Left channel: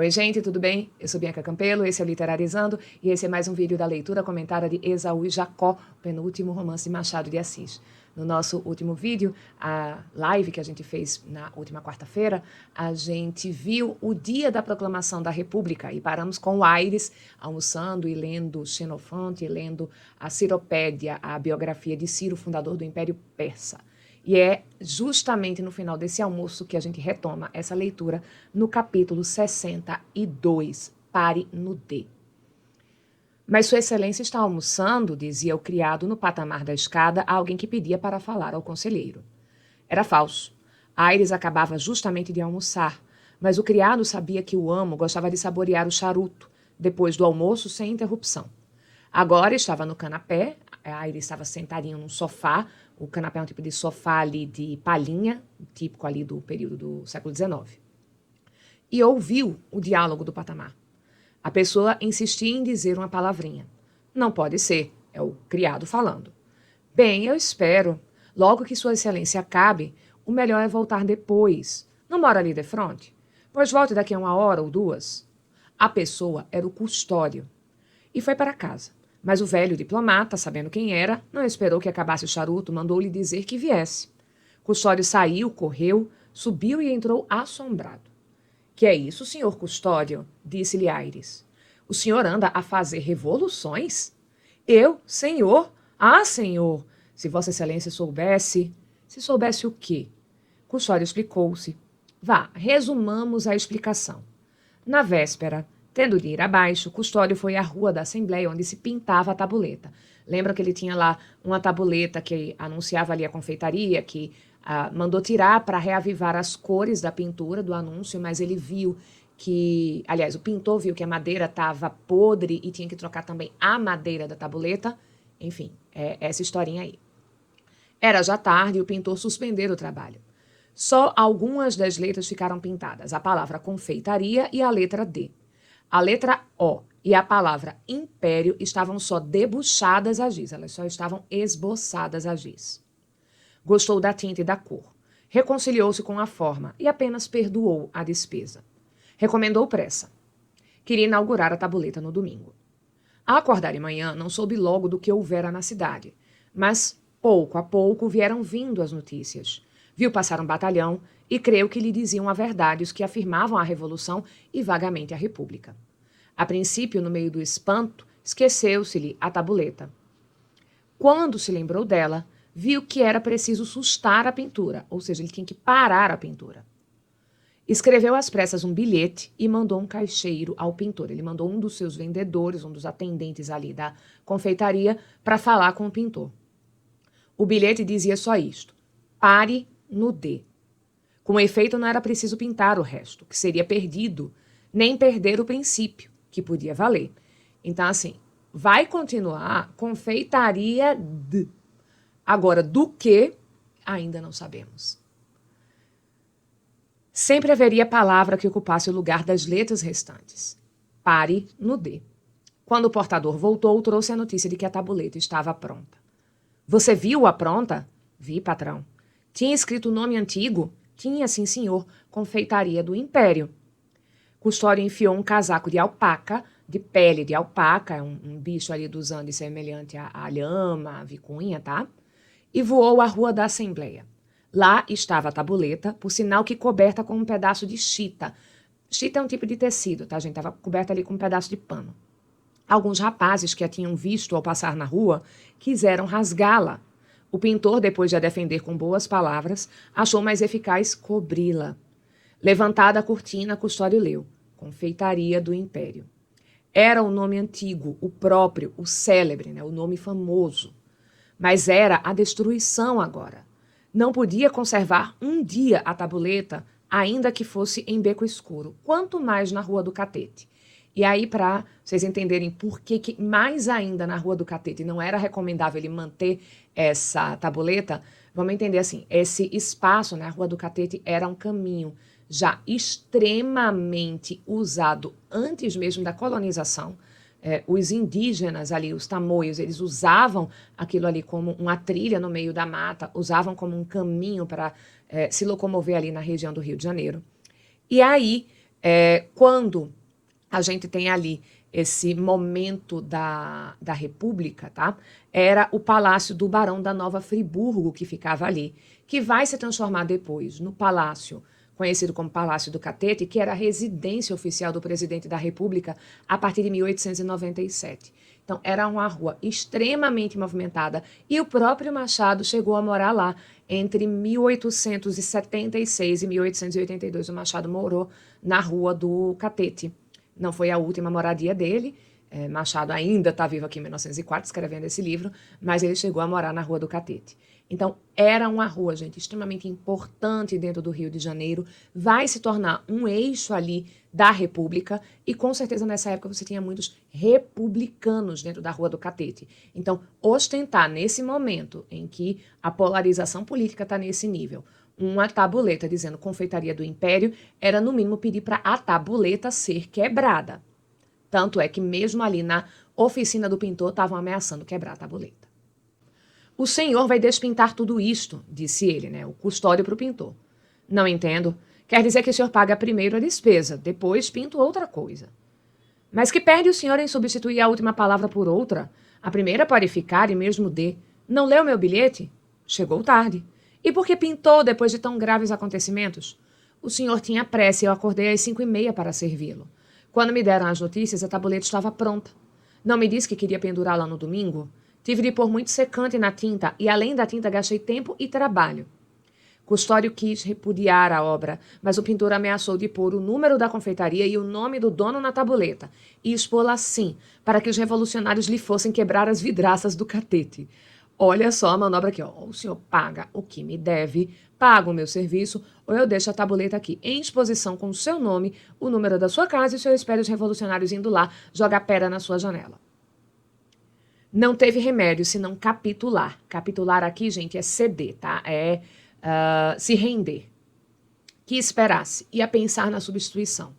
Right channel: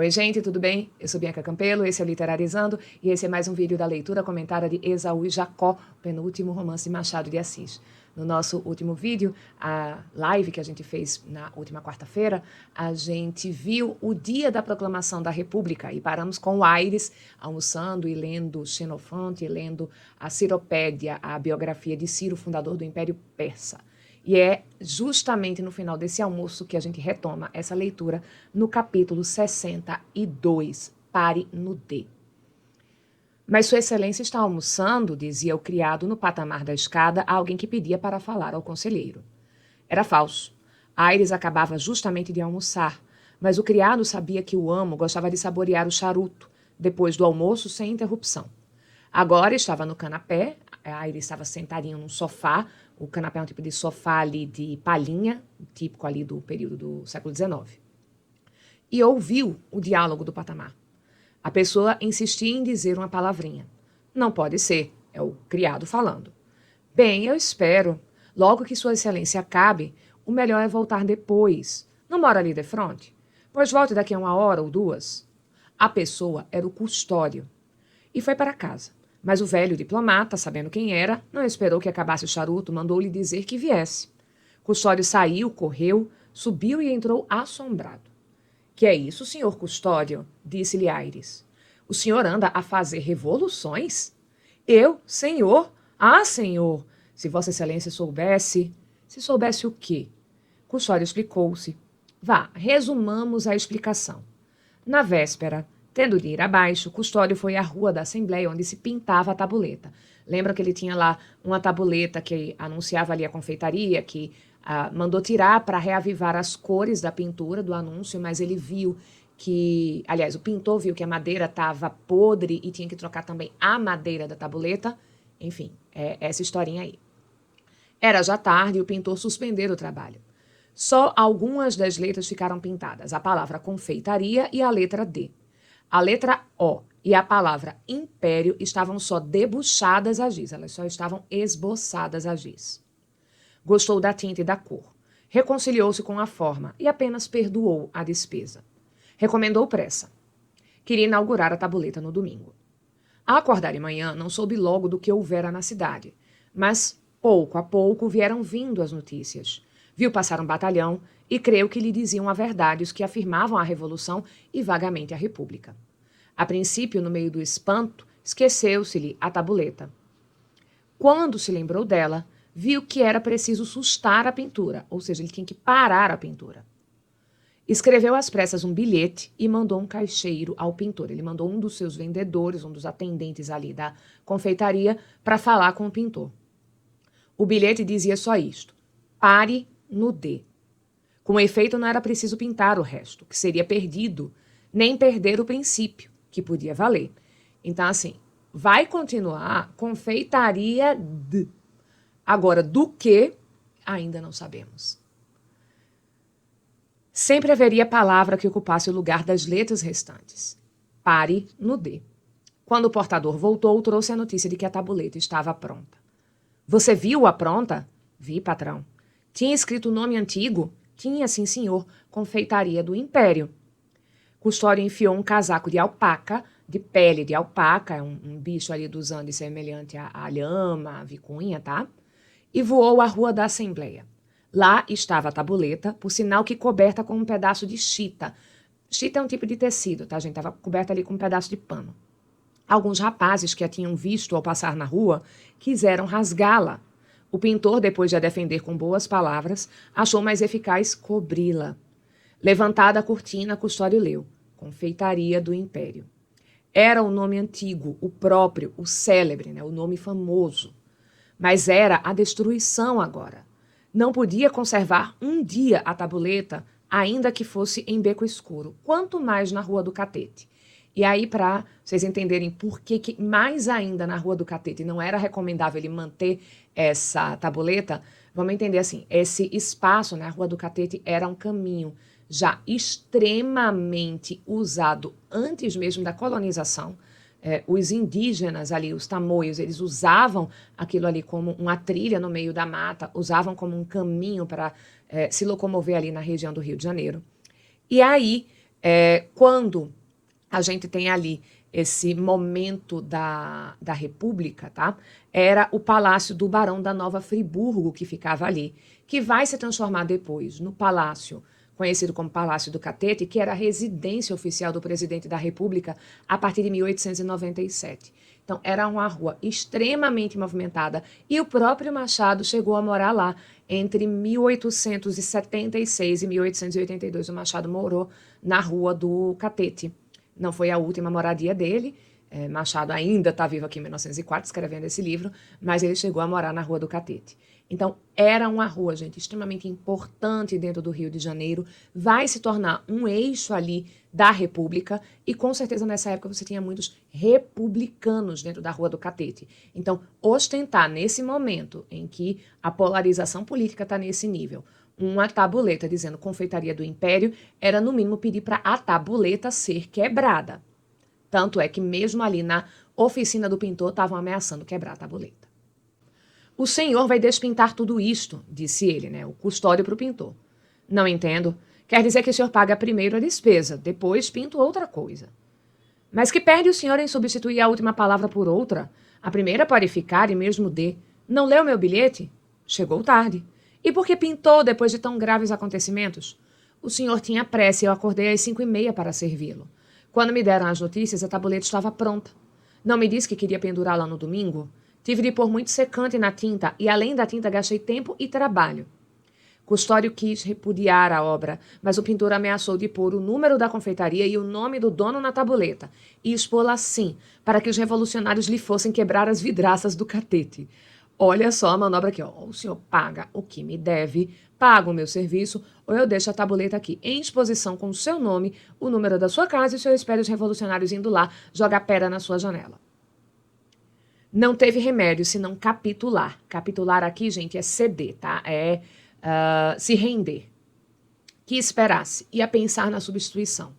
Oi, gente, tudo bem? Eu sou Bianca Campelo, esse é o Literalizando e esse é mais um vídeo da leitura comentária de Esaú e Jacó, penúltimo romance de Machado de Assis. No nosso último vídeo, a live que a gente fez na última quarta-feira, a gente viu o dia da proclamação da República e paramos com o Aires almoçando e lendo Xenofonte, e lendo a Ciropédia, a biografia de Ciro, fundador do Império Persa. E é justamente no final desse almoço que a gente retoma essa leitura no capítulo 62, Pare no D. Mas Sua Excelência está almoçando, dizia o criado no patamar da escada a alguém que pedia para falar ao conselheiro. Era falso. Aires acabava justamente de almoçar, mas o criado sabia que o amo gostava de saborear o charuto, depois do almoço sem interrupção. Agora estava no canapé, Aires estava sentadinho num sofá. O canapé é um tipo de sofá ali de palhinha, típico ali do período do século XIX. E ouviu o diálogo do patamar. A pessoa insistia em dizer uma palavrinha. Não pode ser, é o criado falando. Bem, eu espero. Logo que Sua Excelência acabe, o melhor é voltar depois. Não mora ali de frente? Pois volte daqui a 1 hora ou 2. A pessoa era o custódio. E foi para casa. Mas o velho diplomata, sabendo quem era, não esperou que acabasse o charuto, mandou-lhe dizer que viesse. Custódio saiu, correu, subiu e entrou assombrado. Que é isso, senhor Custódio? Disse-lhe Aires. O senhor anda a fazer revoluções? Eu, senhor? Ah, senhor! Se Vossa Excelência soubesse... Se soubesse o quê? Custódio explicou-se. Vá, resumamos a explicação. Na véspera, tendo de ir abaixo, Custódio foi à rua da Assembleia, onde se pintava a tabuleta. Lembra que ele tinha lá uma tabuleta que anunciava ali a confeitaria, que mandou tirar para reavivar as cores da pintura do anúncio, mas ele viu que... Aliás, o pintor viu que a madeira estava podre e tinha que trocar também a madeira da tabuleta. Enfim, essa historinha aí. Era já tarde e o pintor suspendeu o trabalho. Só algumas das letras ficaram pintadas, a palavra confeitaria e a letra D. A letra O e a palavra império estavam só debuxadas a giz, elas só estavam esboçadas a giz. Gostou da tinta e da cor. Reconciliou-se com a forma e apenas perdoou a despesa. Recomendou pressa. Queria inaugurar a tabuleta no domingo. A acordar de manhã, não soube logo do que houvera na cidade, mas pouco a pouco vieram vindo as notícias. Viu passar um batalhão e creu que lhe diziam a verdade os que afirmavam a Revolução e vagamente a República. A princípio, no meio do espanto, esqueceu-se-lhe a tabuleta. Quando se lembrou dela, viu que era preciso sustar a pintura, ou seja, ele tinha que parar a pintura. Escreveu às pressas um bilhete e mandou um caixeiro ao pintor. Ele mandou um dos seus vendedores, um dos atendentes ali da confeitaria, para falar com o pintor. O bilhete dizia só isto: pare no D. Com efeito, não era preciso pintar o resto, que seria perdido, nem perder o princípio, que podia valer. Então, assim, vai continuar confeitaria D. Agora, do que, ainda não sabemos. Sempre haveria palavra que ocupasse o lugar das letras restantes. Pare no D. Quando o portador voltou, trouxe a notícia de que a tabuleta estava pronta. Você viu-a pronta? Vi, patrão. Tinha escrito o nome antigo? Tinha, sim, senhor. Confeitaria do Império. Custódio enfiou um casaco de alpaca, de pele de alpaca, um bicho ali dos Andes semelhante à lhama, à vicunha, tá? E voou à rua da Assembleia. Lá estava a tabuleta, por sinal que coberta com um pedaço de chita. Chita é um tipo de tecido, tá, gente? Estava coberta ali com um pedaço de pano. Alguns rapazes que a tinham visto ao passar na rua quiseram rasgá-la. O pintor, depois de a defender com boas palavras, achou mais eficaz cobri-la. Levantada a cortina, Custódio leu: Confeitaria do Império. Era o nome antigo, o próprio, o célebre, né? O nome famoso. Mas era a destruição agora. Não podia conservar um dia a tabuleta, ainda que fosse em beco escuro, quanto mais na Rua do Catete. E aí, para vocês entenderem por que mais ainda na Rua do Catete não era recomendável ele manter essa tabuleta, vamos entender assim, esse espaço na Rua do Catete era um caminho já extremamente usado antes mesmo da colonização. Os indígenas ali, os tamoios, eles usavam aquilo ali como uma trilha no meio da mata, usavam como um caminho para se locomover ali na região do Rio de Janeiro. E aí Quando a gente tem ali esse momento da República, tá? Era o Palácio do Barão da Nova Friburgo que ficava ali, que vai se transformar depois no Palácio conhecido como Palácio do Catete, que era a residência oficial do presidente da República a partir de 1897. Então, era uma rua extremamente movimentada e o próprio Machado chegou a morar lá entre 1876 e 1882. O Machado morou na Rua do Catete. Não foi a última moradia dele. Machado ainda está vivo aqui em 1904, escrevendo esse livro, mas ele chegou a morar na Rua do Catete. Então, era uma rua, gente, extremamente importante dentro do Rio de Janeiro, vai se tornar um eixo ali da República, e com certeza nessa época você tinha muitos republicanos dentro da Rua do Catete. Então, ostentar nesse momento em que a polarização política está nesse nível, uma tabuleta dizendo Confeitaria do Império, era no mínimo pedir para a tabuleta ser quebrada. Tanto é que mesmo ali na oficina do pintor estavam ameaçando quebrar a tabuleta. O senhor vai despintar tudo isto, disse ele, né, o custódio para o pintor. Não entendo. Quer dizer que o senhor paga primeiro a despesa, depois pinto outra coisa. Mas que perde o senhor em substituir a última palavra por outra? A primeira pode ficar e mesmo dê. Não leu meu bilhete? Chegou tarde. E por que pintou depois de tão graves acontecimentos? O senhor tinha pressa e eu acordei às 5h30 para servi-lo. Quando me deram as notícias, a tabuleta estava pronta. Não me disse que queria pendurá-la no domingo? Tive de pôr muito secante na tinta e, além da tinta, gastei tempo e trabalho. Custódio quis repudiar a obra, mas o pintor ameaçou de pôr o número da confeitaria e o nome do dono na tabuleta e expô-la assim, para que os revolucionários lhe fossem quebrar as vidraças do catete. Olha só a manobra aqui, ó. O senhor paga o que me deve, paga o meu serviço, ou eu deixo a tabuleta aqui em exposição com o seu nome, o número da sua casa e o senhor espera os revolucionários indo lá jogar pedra na sua janela. Não teve remédio senão capitular. Capitular aqui, gente, é ceder, tá? Se render. Que esperasse, ia pensar na substituição.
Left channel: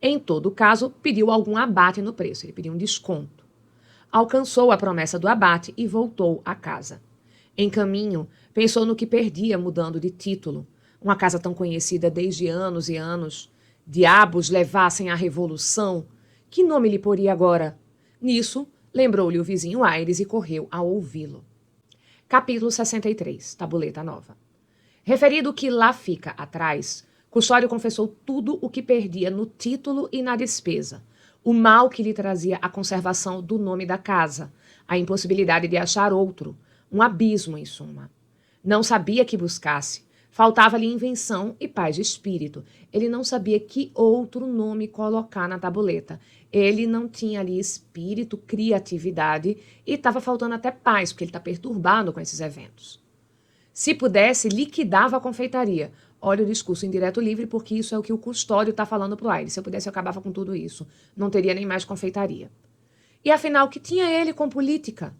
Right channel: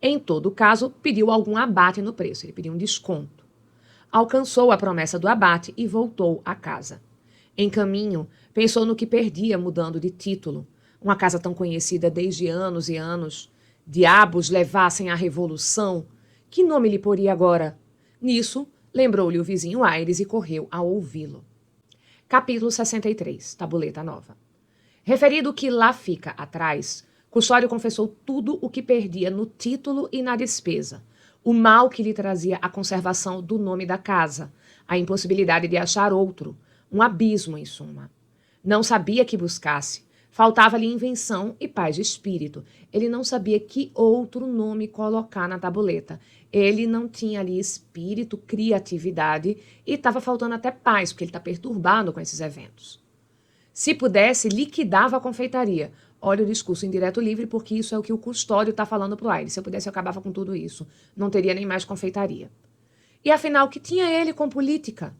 Em todo caso, pediu algum abate no preço, ele pediu um desconto. Alcançou a promessa do abate e voltou à casa. Em caminho, pensou no que perdia mudando de título. Uma casa tão conhecida desde anos e anos. Diabos levassem a revolução. Que nome lhe poria agora? Nisso, lembrou-lhe o vizinho Aires e correu a ouvi-lo. Capítulo 63, tabuleta nova. Referido que lá fica atrás, Custódio confessou tudo o que perdia no título e na despesa, o mal que lhe trazia a conservação do nome da casa, a impossibilidade de achar outro, um abismo, em suma. Não sabia que buscasse, faltava-lhe invenção e paz de espírito. Ele não sabia que outro nome colocar na tabuleta. Ele não tinha ali espírito, criatividade e estava faltando até paz, porque ele está perturbado com esses eventos. Se pudesse, liquidava a confeitaria. Olha o discurso indireto livre, porque isso é o que o Custódio está falando para o Aires. Se eu pudesse, eu acabava com tudo isso. Não teria nem mais confeitaria. E afinal, o que tinha ele com política?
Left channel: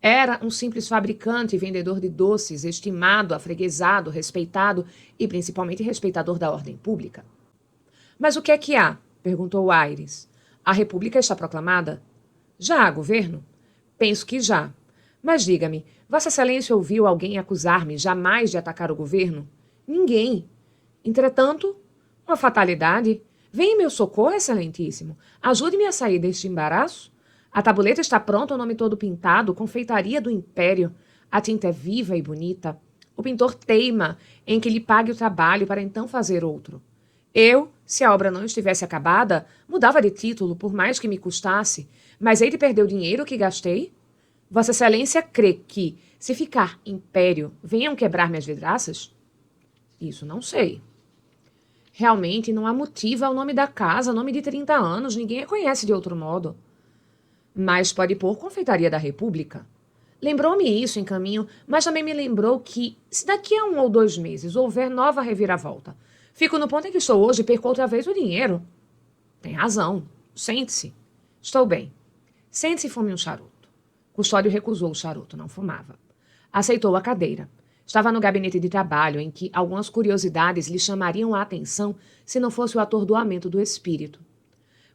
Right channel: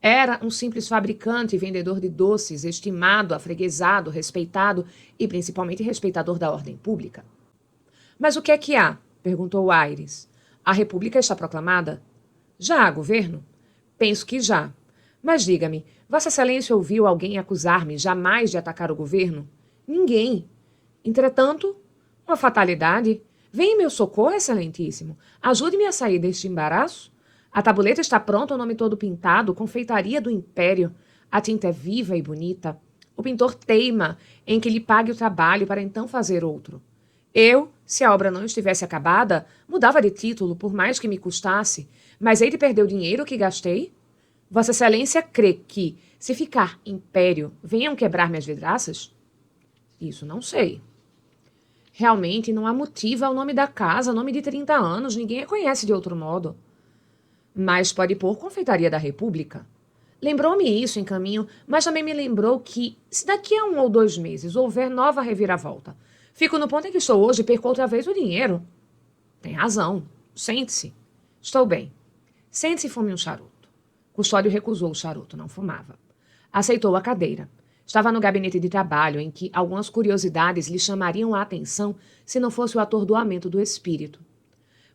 Era um simples fabricante e vendedor de doces, estimado, afreguesado, respeitado e principalmente respeitador da ordem pública. Mas o que é que há? Perguntou Aires. A República está proclamada? Já há governo? Penso que já. Mas diga-me, Vossa Excelência ouviu alguém acusar-me jamais de atacar o governo? Ninguém. Entretanto, uma fatalidade. Venha em meu socorro, Excelentíssimo. Ajude-me a sair deste embaraço. A tabuleta está pronta, o nome todo pintado, confeitaria do Império. A tinta é viva e bonita. O pintor teima em que lhe pague o trabalho para então fazer outro. Eu, se a obra não estivesse acabada, mudava de título, por mais que me custasse. Mas hei de perder o dinheiro que gastei? Vossa Excelência crê que, se ficar Império, venham quebrar minhas vidraças? Isso não sei. Realmente não há motivo ao nome da casa, nome de 30 anos, ninguém a conhece de outro modo. Mas pode pôr Confeitaria da República. Lembrou-me isso em caminho, mas também me lembrou que, se daqui a 1 ou 2 meses houver nova reviravolta, fico no ponto em que estou hoje e perco outra vez o dinheiro. Tem razão. Sente-se. Estou bem. Sente-se e fume um charuto. Custódio recusou o charuto, não fumava. Aceitou a cadeira. Estava no gabinete de trabalho, em que algumas curiosidades lhe chamariam a atenção se não fosse o atordoamento do espírito.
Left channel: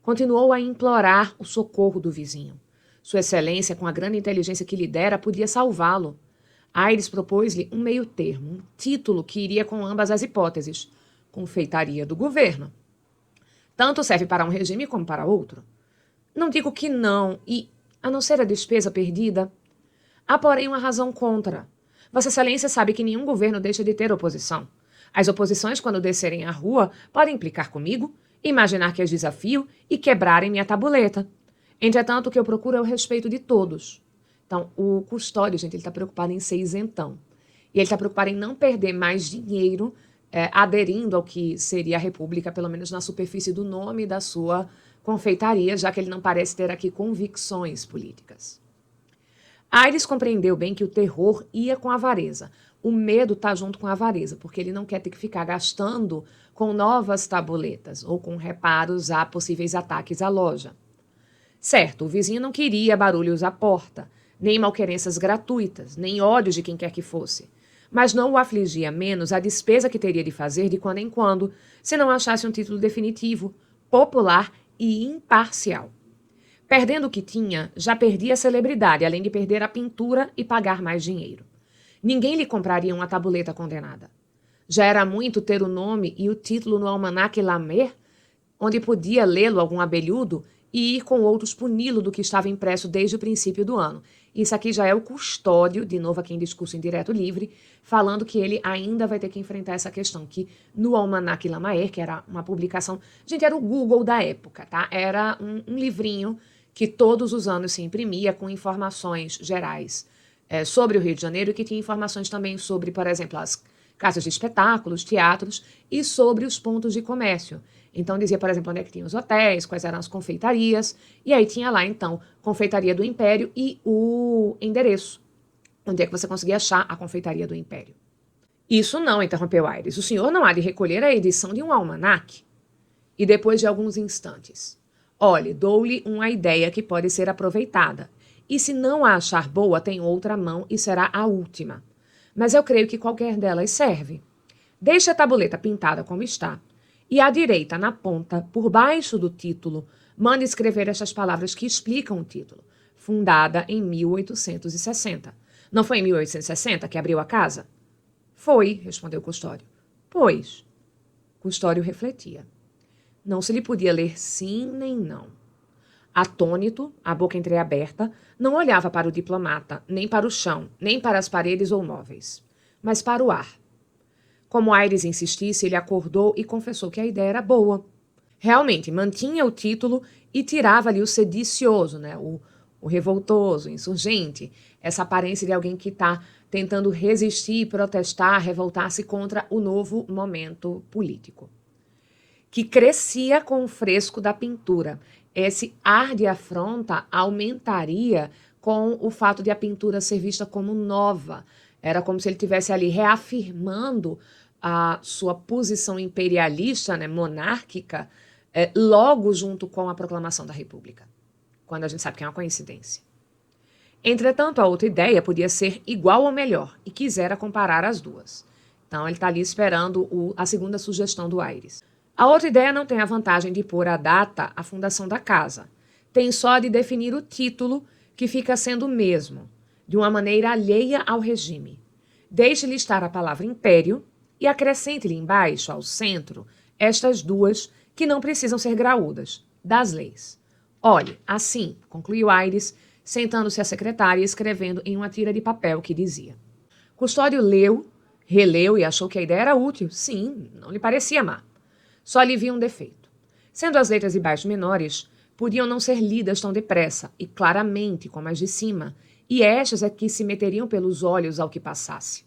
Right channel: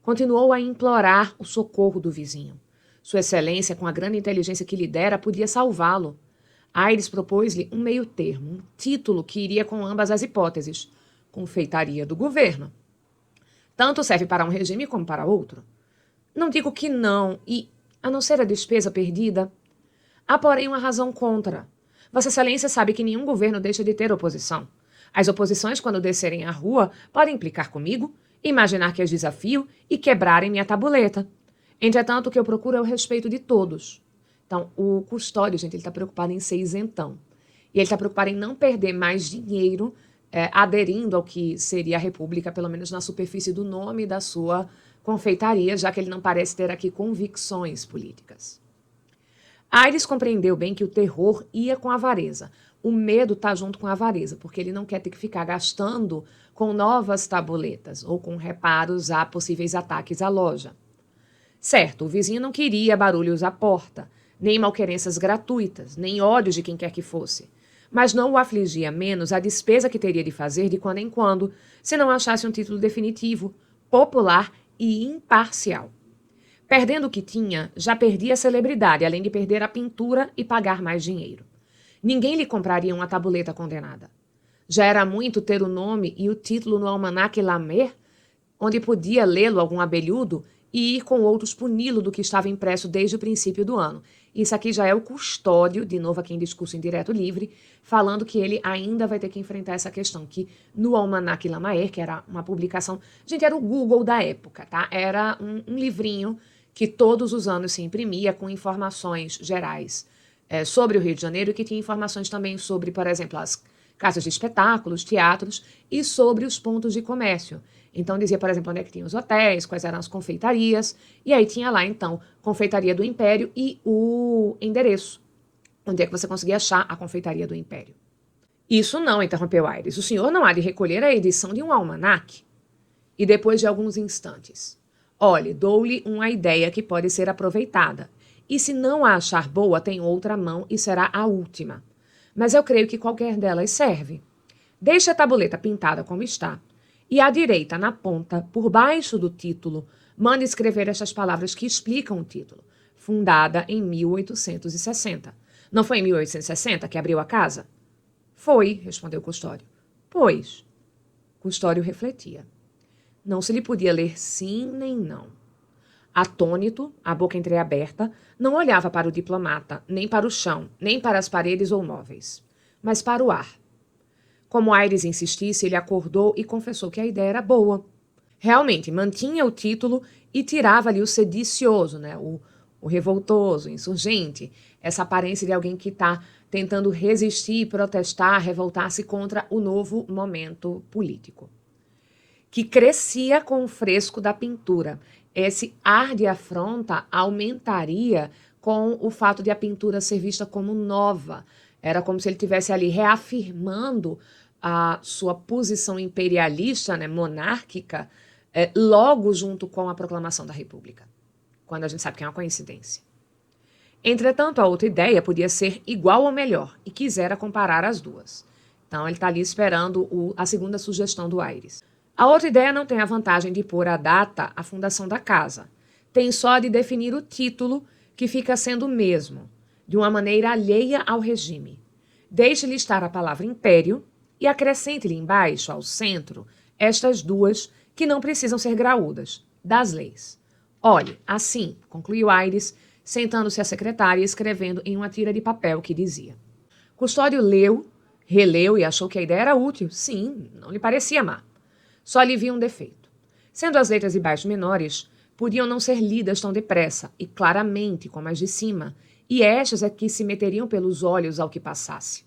Continuou a implorar o socorro do vizinho. Sua Excelência, com a grande inteligência que lhe dera, podia salvá-lo. Aires propôs-lhe um meio termo, um título que iria com ambas as hipóteses. Confeitaria do governo. Tanto serve para um regime como para outro. Não digo que não, e, a não ser a despesa perdida, há, porém, uma razão contra. Vossa Excelência sabe que nenhum governo deixa de ter oposição. As oposições, quando descerem à rua, podem implicar comigo, imaginar que as desafio e quebrarem minha tabuleta. Entretanto, o que eu procuro é o respeito de todos. Então, um custódio, gente, ele está preocupado em ser isentão. E ele está preocupado em não perder mais dinheiro aderindo ao que seria a República, pelo menos na superfície do nome da sua confeitaria, já que ele não parece ter aqui convicções políticas. Aires compreendeu bem que o terror ia com a avareza. O medo está junto com a avareza, porque ele não quer ter que ficar gastando com novas tabuletas ou com reparos a possíveis ataques à loja. Certo, o vizinho não queria barulhos à porta, nem malquerenças gratuitas, nem ódios de quem quer que fosse. Mas não o afligia menos a despesa que teria de fazer de quando em quando, se não achasse um título definitivo, popular e imparcial. Perdendo o que tinha, já perdia a celebridade, além de perder a pintura e pagar mais dinheiro. Ninguém lhe compraria uma tabuleta condenada. Já era muito ter o nome e o título no almanaque Lamer, onde podia lê-lo algum abelhudo e ir com outros puni-lo do que estava impresso desde o princípio do ano. Isso aqui já é o custódio, de novo aqui em discurso indireto livre, falando que ele ainda vai ter que enfrentar essa questão, que no Almanac Lamaer, que era uma publicação, gente, era o Google da época, tá? Era um livrinho que todos os anos se imprimia com informações gerais sobre o Rio de Janeiro e que tinha informações também sobre, por exemplo, as casas de espetáculos, teatros e sobre os pontos de comércio. Então dizia, por exemplo, onde é que tinha os hotéis, quais eram as confeitarias, e aí tinha lá, então, Confeitaria do Império e o endereço, onde é que você conseguia achar a Confeitaria do Império. Isso não, interrompeu Aires. O senhor não há de recolher a edição de um almanaque? E depois de alguns instantes, olhe, dou-lhe uma ideia que pode ser aproveitada. E se não a achar boa, tem outra mão e será a última. Mas eu creio que qualquer delas serve. Deixe a tabuleta pintada como está. E à direita, na ponta, por baixo do título, mande escrever estas palavras que explicam o título. Fundada em 1860. Não foi em 1860 que abriu a casa? Foi, respondeu Custódio. Pois. Custódio refletia. Não se lhe podia ler sim nem não. Atônito, a boca entreaberta, não olhava para o diplomata, nem para o chão, nem para as paredes ou móveis, mas para o ar. Como Aires insistisse, ele acordou e confessou que a ideia era boa. Realmente, mantinha o título e tirava-lhe o sedicioso, né? O revoltoso, insurgente, essa aparência de alguém que está tentando resistir, protestar, revoltar-se contra o novo momento político, que crescia com o fresco da pintura. Esse ar de afronta aumentaria com o fato de a pintura ser vista como nova. Era como se ele estivesse ali reafirmando a sua posição imperialista, né, monárquica, logo junto com a proclamação da República, quando a gente sabe que é uma coincidência. Entretanto, a outra ideia podia ser igual ou melhor, e quisera comparar as duas. Então, ele está ali esperando a segunda sugestão do Aires. A outra ideia não tem a vantagem de pôr a data, a fundação da casa. Tem só de definir o título, que fica sendo o mesmo, de uma maneira alheia ao regime. Deixe-lhe estar a palavra império e acrescente-lhe embaixo, ao centro, estas duas que não precisam ser graúdas, das leis. Olhe, assim, concluiu Aires, sentando-se à secretária e escrevendo em uma tira de papel que dizia. Custódio leu, releu e achou que a ideia era útil. Sim, não lhe parecia má. Só lhe via um defeito. Sendo as letras de baixo menores, podiam não ser lidas tão depressa e claramente como as de cima, e estas é que se meteriam pelos olhos ao que passasse.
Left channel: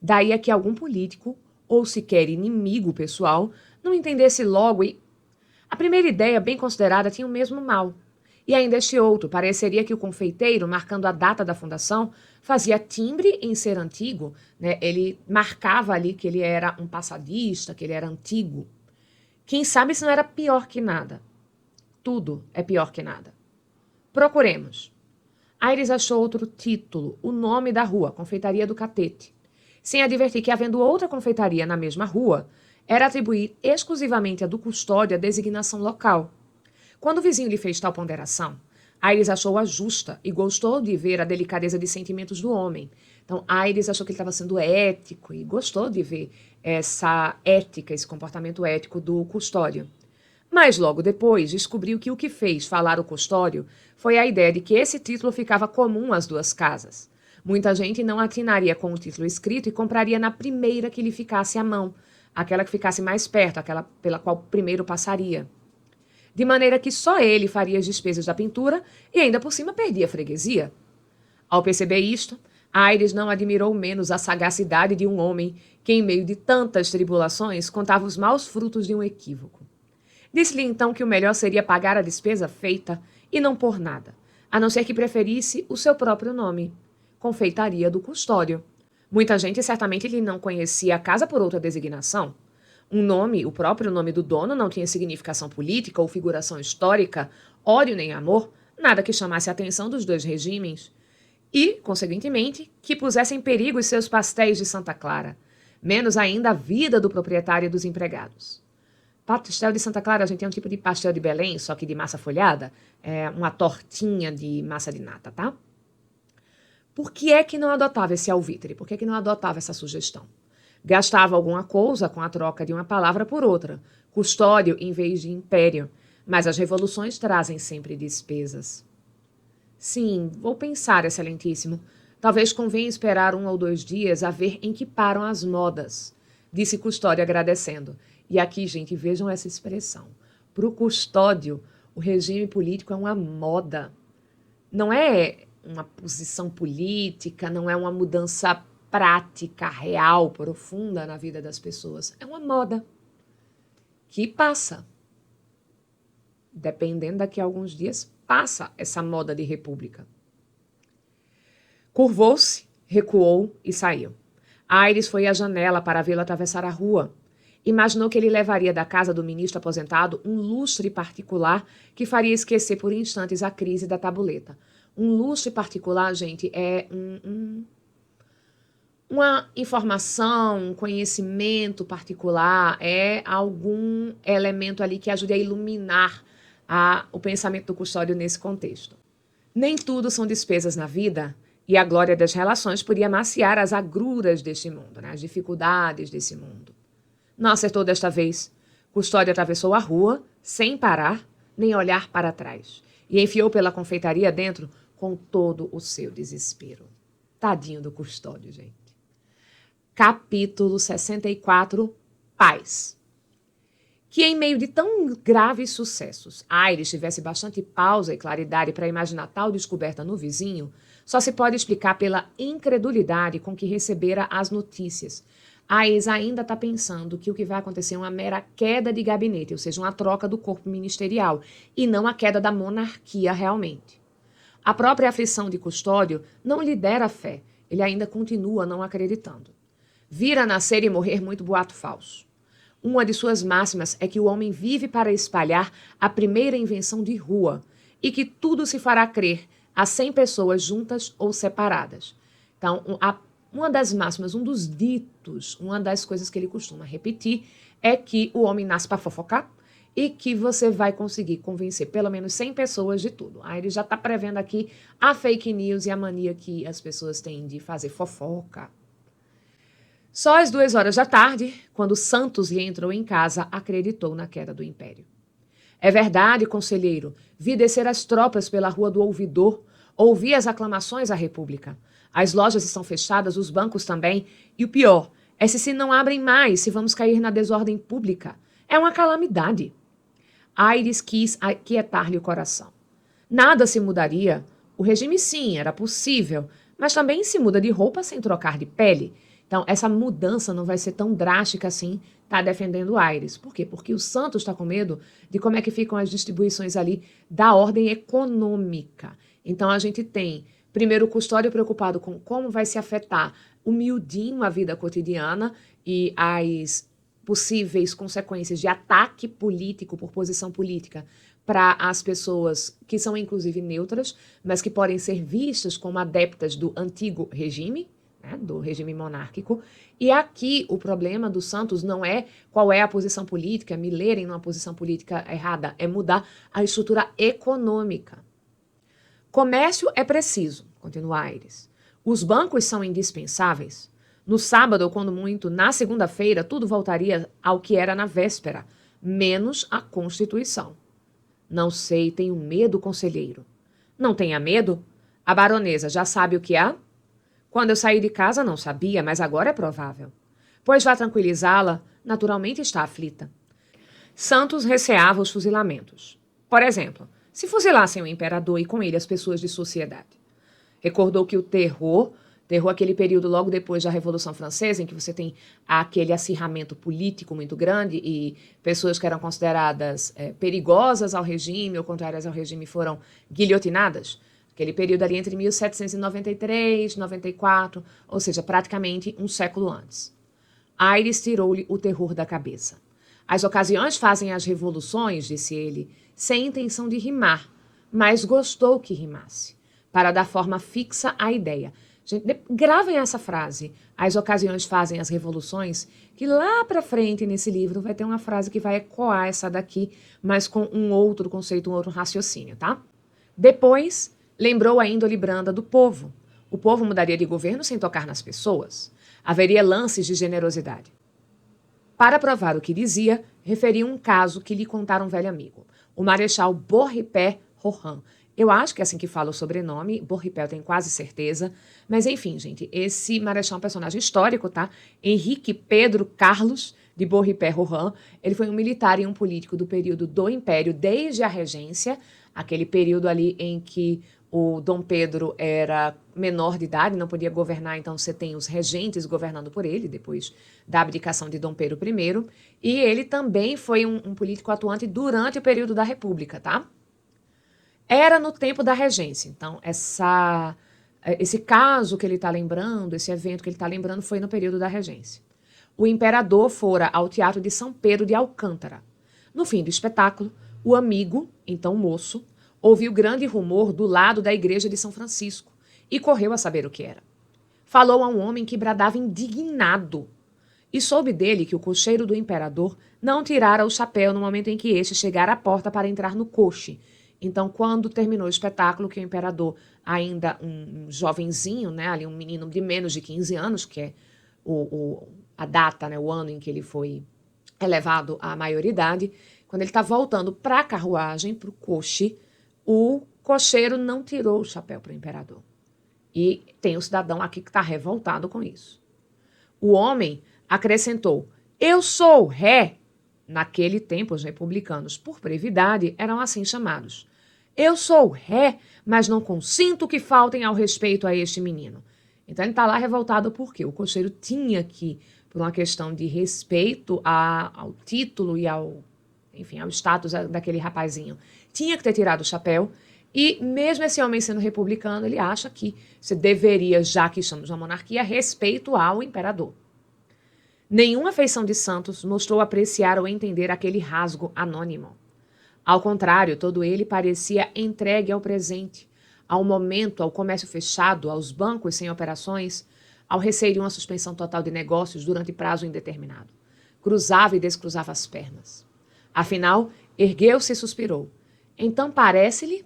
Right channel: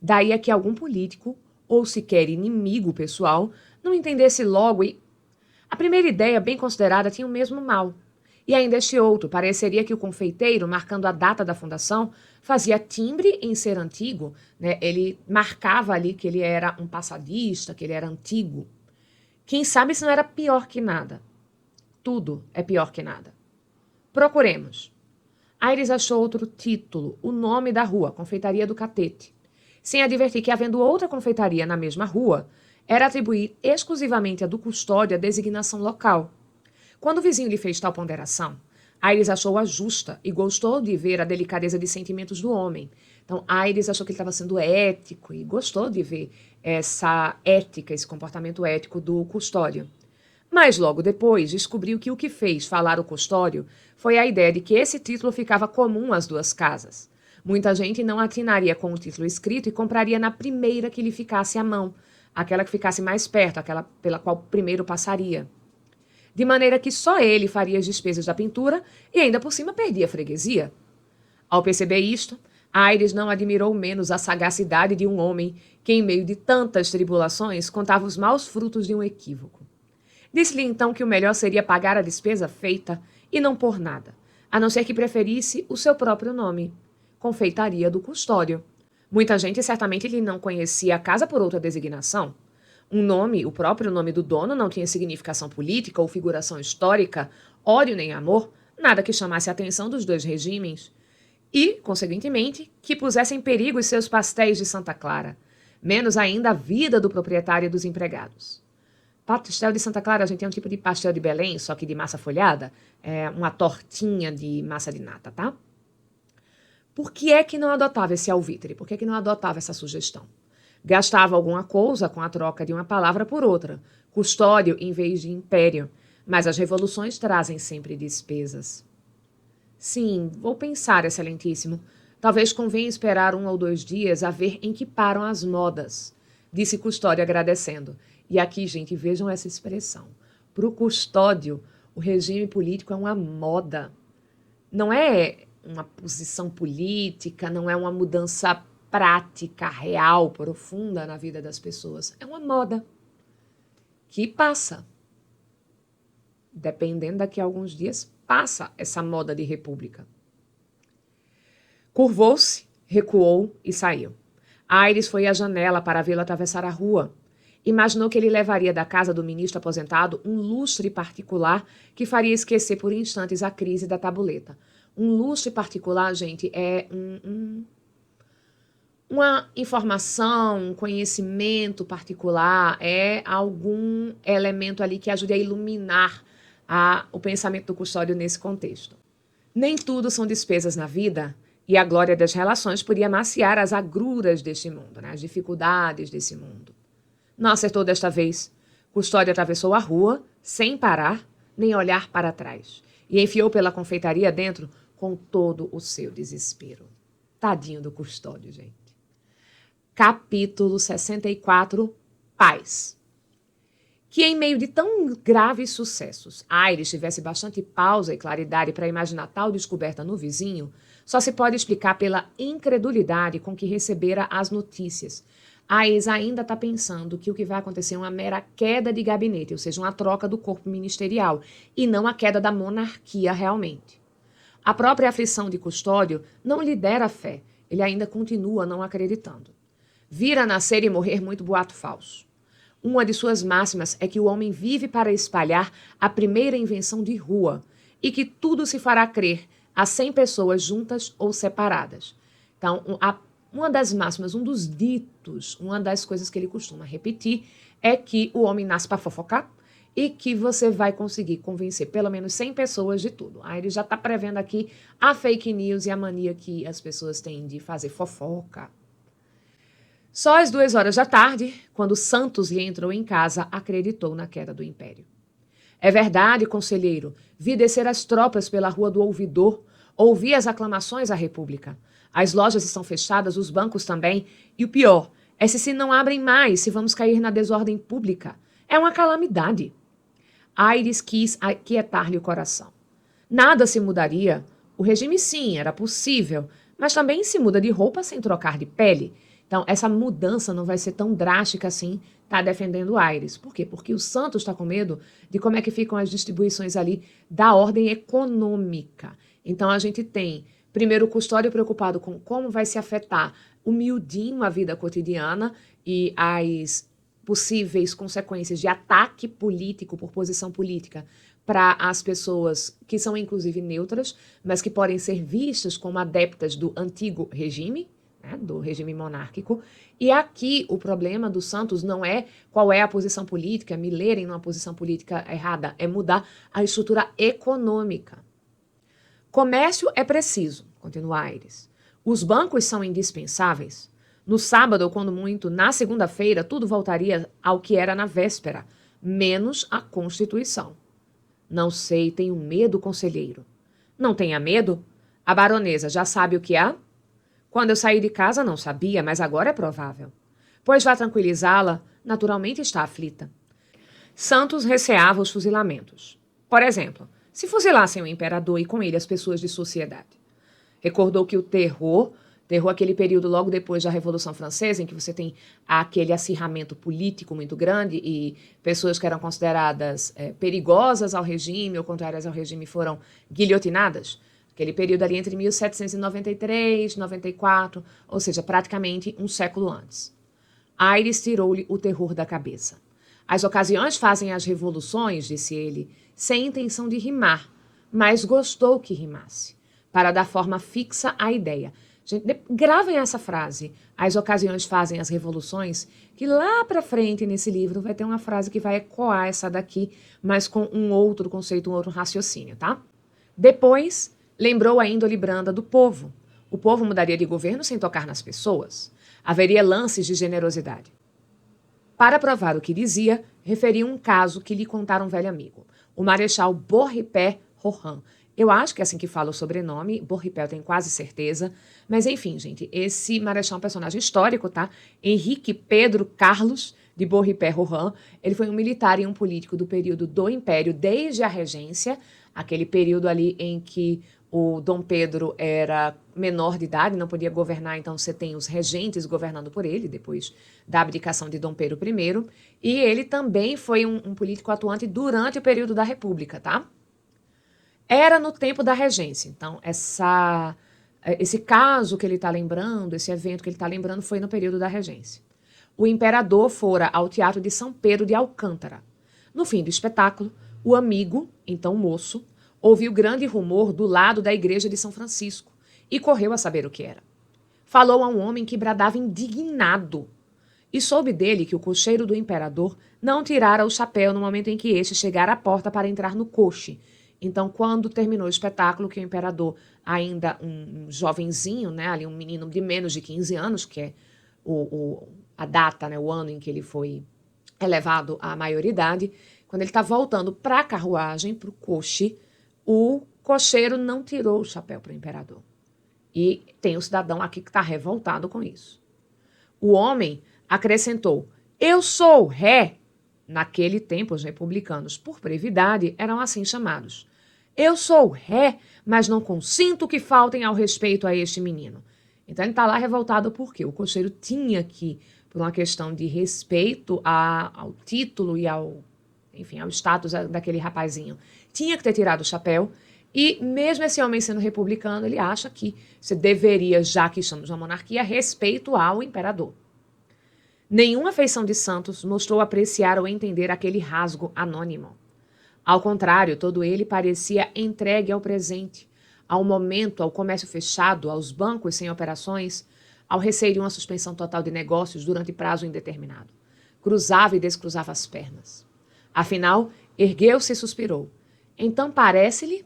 Daí é que algum político, ou sequer inimigo pessoal, não entendesse logo e... A primeira ideia, bem considerada, tinha o mesmo mal. E ainda este outro, pareceria que o confeiteiro, marcando a data da fundação, fazia timbre em ser antigo, né? Ele marcava ali que ele era um passadista, que ele era antigo. Quem sabe se não era pior que nada. Tudo é pior que nada. Procuremos. Aires achou outro título, o nome da rua, Confeitaria do Catete, sem advertir que, havendo outra confeitaria na mesma rua, era atribuir exclusivamente a do custódio a designação local. Quando o vizinho lhe fez tal ponderação, Aires achou-a justa e gostou de ver a delicadeza de sentimentos do homem. Então, Aires achou que ele estava sendo ético e gostou de ver essa ética, esse comportamento ético do custódio. Mas logo depois descobriu que o que fez falar o Custódio foi a ideia de que esse título ficava comum às duas casas. Muita gente não atinaria com o título escrito e compraria na primeira que lhe ficasse à mão, aquela que ficasse mais perto, aquela pela qual primeiro passaria. De maneira que só ele faria as despesas da pintura e ainda por cima perdia a freguesia. Ao perceber isto, Aires não admirou menos a sagacidade de um homem que, em meio de tantas tribulações, contava os maus frutos de um equívoco. Disse-lhe então que o melhor seria pagar a despesa feita e não pôr nada, a não ser que preferisse o seu próprio nome, Confeitaria do Custódio. Muita gente certamente lhe não conhecia a casa por outra designação. Um nome, o próprio nome do dono, não tinha significação política ou figuração histórica, ódio nem amor, nada que chamasse a atenção dos dois regimes. E, conseguintemente, que pusesse em perigo os seus pastéis de Santa Clara, menos ainda a vida do proprietário e dos empregados. Pastel de Santa Clara, a gente tem um tipo de pastel de Belém, só que de massa folhada, é uma tortinha de massa de nata, tá? Por que é que não adotava esse alvitre? Por que é que não adotava essa sugestão? Gastava alguma coisa com a troca de uma palavra por outra, custódio em vez de império, mas as revoluções trazem sempre despesas. Sim, vou pensar, excelentíssimo. Talvez convenha esperar 1 ou 2 dias a ver em que param as modas, disse Custódio agradecendo. E aqui, gente, vejam essa expressão. Para o Custódio, o regime político é uma moda. Não é uma posição política, não é uma mudança prática, real, profunda na vida das pessoas. É uma moda que passa. Dependendo daqui a alguns dias, passa essa moda de república. Curvou-se, recuou e saiu. Aires foi à janela para vê-lo atravessar a rua. Imaginou que ele levaria da casa do ministro aposentado um lustre particular que faria esquecer por instantes a crise da tabuleta. Um lustre particular, gente, é uma informação, um conhecimento particular, é algum elemento ali que ajude a iluminar o pensamento do Custódio nesse contexto. Nem tudo são despesas na vida, e a glória das relações podia amaciar as agruras deste mundo, né? As dificuldades desse mundo. Não acertou desta vez. Custódio atravessou a rua, sem parar, nem olhar para trás, e enfiou pela confeitaria dentro com todo o seu desespero. Tadinho do Custódio, gente. Capítulo 64, Paz. Que em meio de tão graves sucessos, Aires tivesse bastante pausa e claridade para imaginar tal descoberta no vizinho, só se pode explicar pela incredulidade com que recebera as notícias. Aires ainda está pensando que o que vai acontecer é uma mera queda de gabinete, ou seja, uma troca do corpo ministerial, e não a queda da monarquia realmente. A própria aflição de Custódio não lhe dera fé, ele ainda continua não acreditando. Vira nascer e morrer muito boato falso. Uma de suas máximas é que o homem vive para espalhar a primeira invenção de rua e que tudo se fará crer a 100 pessoas juntas ou separadas. Então, uma das máximas, um dos ditos, uma das coisas que ele costuma repetir é que o homem nasce para fofocar e que você vai conseguir convencer pelo menos 100 pessoas de tudo. Aí ele já está prevendo aqui a fake news e a mania que as pessoas têm de fazer fofoca. Só às 2 horas da tarde, quando Santos lhe entrou em casa, acreditou na queda do império. É verdade, conselheiro, vi descer as tropas pela Rua do Ouvidor, ouvi as aclamações à República. As lojas estão fechadas, os bancos também, e o pior, se não abrem mais, se vamos cair na desordem pública. É uma calamidade. Aires quis aquietar-lhe o coração. Nada se mudaria. O regime, sim, era possível, mas também se muda de roupa sem trocar de pele. Então, essa mudança não vai ser tão drástica assim, tá defendendo Aires. Por quê? Porque o Santos está com medo de como é que ficam as distribuições ali da ordem econômica. Então, a gente tem, primeiro, o Custódio preocupado com como vai se afetar o miudinho a vida cotidiana e as possíveis consequências de ataque político por posição política para as pessoas que são, inclusive, neutras, mas que podem ser vistas como adeptas do antigo regime, né, do regime monárquico. E aqui o problema do Santos não é qual é a posição política, me lerem numa posição política errada, é mudar a estrutura econômica. Comércio é preciso, continua Aires. Os bancos são indispensáveis. No sábado, ou quando muito, na segunda-feira, tudo voltaria ao que era na véspera. menos a Constituição. Não sei, tenho medo, conselheiro. Não tenha medo? A baronesa já sabe o que há? Quando eu saí de casa não sabia, mas agora é provável. Pois vá tranquilizá-la, naturalmente está aflita. Santos receava os fuzilamentos. Por exemplo, se fuzilassem o imperador e com ele as pessoas de sociedade. Recordou que o terror, aquele período logo depois da Revolução Francesa, em que você tem aquele acirramento político muito grande e pessoas que eram consideradas perigosas ao regime ou contrárias ao regime foram guilhotinadas. Aquele período ali entre 1793 e 94, ou seja, praticamente um século antes. Aires tirou-lhe o terror da cabeça. As ocasiões fazem as revoluções, disse ele, sem intenção de rimar, mas gostou que rimasse, para dar forma fixa à ideia. Gente, gravem essa frase. As ocasiões fazem as revoluções, que lá para frente nesse livro vai ter uma frase que vai ecoar essa daqui, mas com um outro conceito, um outro raciocínio, tá? Depois, lembrou a índole branda do povo. O povo mudaria de governo sem tocar nas pessoas. Haveria lances de generosidade. Para provar o que dizia, referia um caso que lhe contara um velho amigo, o Marechal Beaurepaire Rohan. Eu acho que é assim que fala o sobrenome, Beaurepaire, tenho quase certeza. Mas enfim, gente, esse Marechal é um personagem histórico, tá? Henrique Pedro Carlos de Beaurepaire Rohan. Ele foi um militar e um político do período do Império, desde a Regência, aquele período ali em que o Dom Pedro era menor de idade, não podia governar, então você tem os regentes governando por ele, depois da abdicação de Dom Pedro I. E ele também foi um político atuante durante o período da República, tá? Era no tempo da regência, então esse caso que ele está lembrando, esse evento que ele está lembrando foi no período da regência. O imperador fora ao Teatro de São Pedro de Alcântara. No fim do espetáculo, o amigo, então moço, ouviu grande rumor do lado da igreja de São Francisco e correu a saber o que era. Falou a um homem que bradava indignado e soube dele que o cocheiro do imperador não tirara o chapéu no momento em que este chegara à porta para entrar no coche. Então, quando terminou o espetáculo, que o imperador, ainda um jovenzinho, né, ali um menino de menos de 15 anos, que é a data, né, o ano em que ele foi elevado à maioridade, quando ele está voltando para a carruagem, para o coche, o cocheiro não tirou o chapéu para o imperador. E tem um cidadão aqui que está revoltado com isso. O homem acrescentou: eu sou o rei. Naquele tempo, os republicanos, por brevidade, eram assim chamados. Eu sou o rei, mas não consinto que faltem ao respeito a este menino. Então ele está lá revoltado porque o cocheiro tinha que, por uma questão de respeito ao título e ao status daquele rapazinho, tinha que ter tirado o chapéu. E mesmo esse homem sendo republicano, ele acha que você deveria, já que estamos na monarquia, respeito ao imperador. Nenhuma feição de Santos mostrou apreciar ou entender aquele rasgo anônimo. Ao contrário, todo ele parecia entregue ao presente, ao momento, ao comércio fechado, aos bancos sem operações, ao receio de uma suspensão total de negócios durante prazo indeterminado. Cruzava e descruzava as pernas. Afinal, ergueu-se e suspirou. Então parece-lhe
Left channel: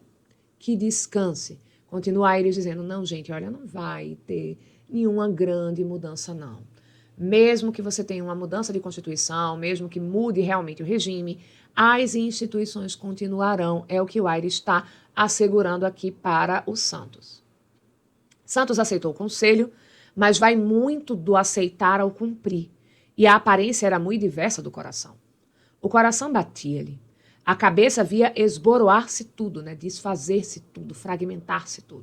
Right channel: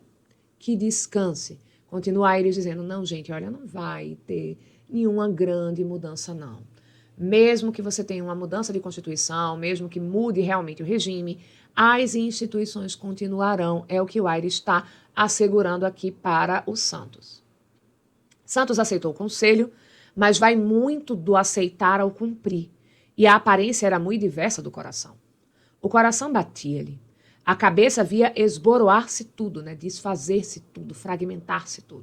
que descanse. Continua ele dizendo: não, gente, olha, não vai ter nenhuma grande mudança, não. Mesmo que você tenha uma mudança de Constituição, mesmo que mude realmente o regime, as instituições continuarão. É o que o Aires está assegurando aqui para o Santos. Santos aceitou o conselho, mas vai muito do aceitar ao cumprir. E a aparência era muito diversa do coração. O coração batia-lhe. A cabeça via esboroar-se tudo, né? Desfazer-se tudo, fragmentar-se tudo.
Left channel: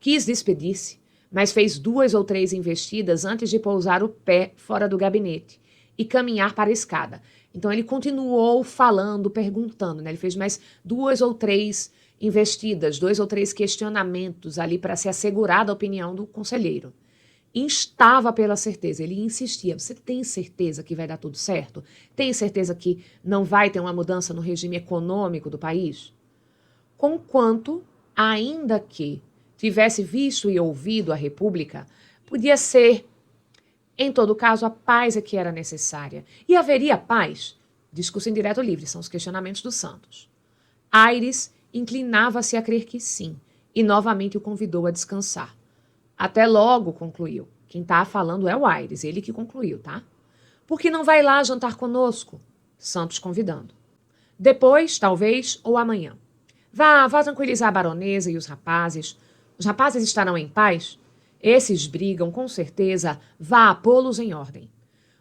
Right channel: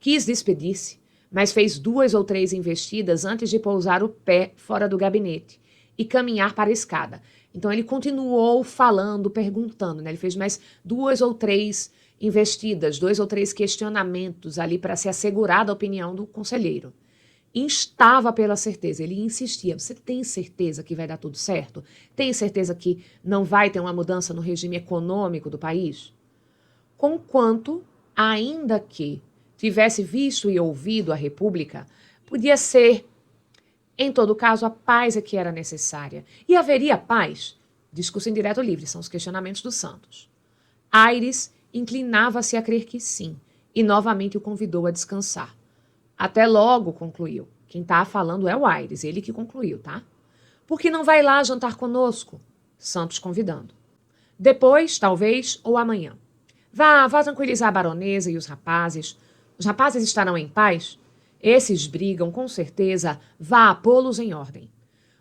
Quis despedir-se, mas fez 2 ou 3 investidas antes de pousar o pé fora do gabinete e caminhar para a escada. Então ele continuou falando, perguntando, né? Ele fez mais 2 ou 3 investidas, 2 ou 3 questionamentos ali para se assegurar da opinião do conselheiro. Instava pela certeza, ele insistia: você tem certeza que vai dar tudo certo? Tem certeza que não vai ter uma mudança no regime econômico do país? Conquanto, ainda que tivesse visto e ouvido a República, podia ser, em todo caso, a paz é que era necessária. E haveria paz? Discurso em direto livre, são os questionamentos dos Santos. Aires inclinava-se a crer que sim, e novamente o convidou a descansar. Até logo, concluiu. Quem está falando é o Aires, ele que concluiu, tá? Por que não vai lá jantar conosco? Santos convidando. Depois, talvez, ou amanhã. Vá tranquilizar a baronesa e os rapazes. Os rapazes estarão em paz? Esses brigam, com certeza. Vá pô-los em ordem.